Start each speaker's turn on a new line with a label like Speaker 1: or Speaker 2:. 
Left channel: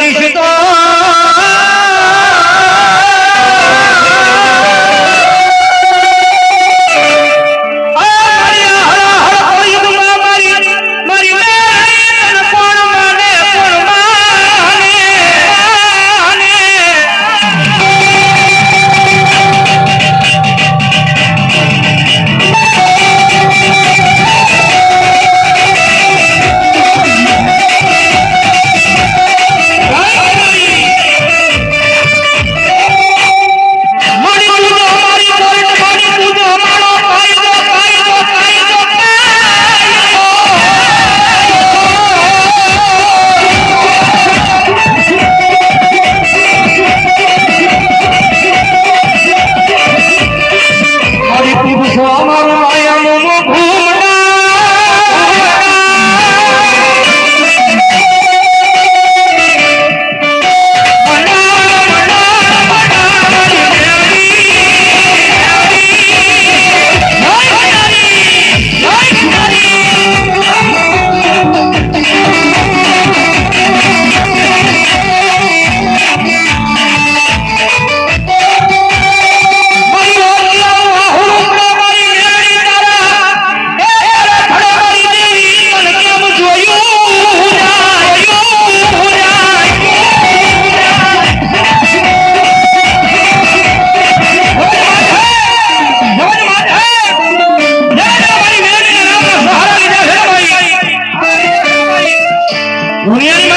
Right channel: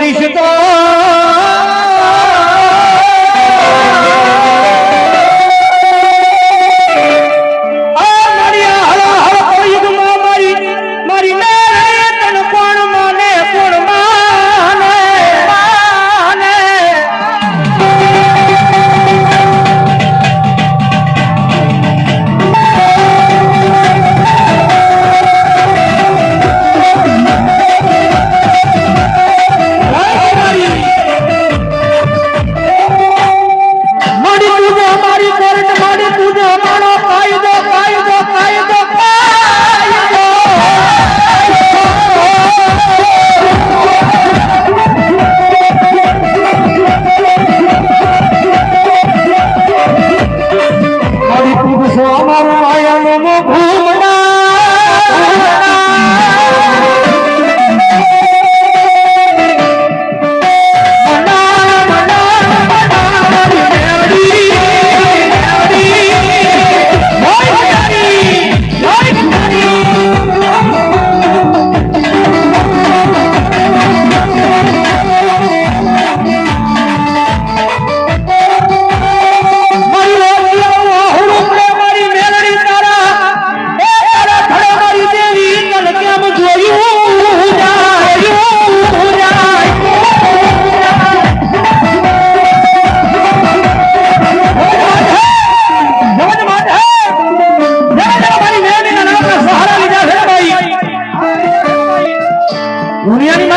Speaker 1: পরিচিত
Speaker 2: Miel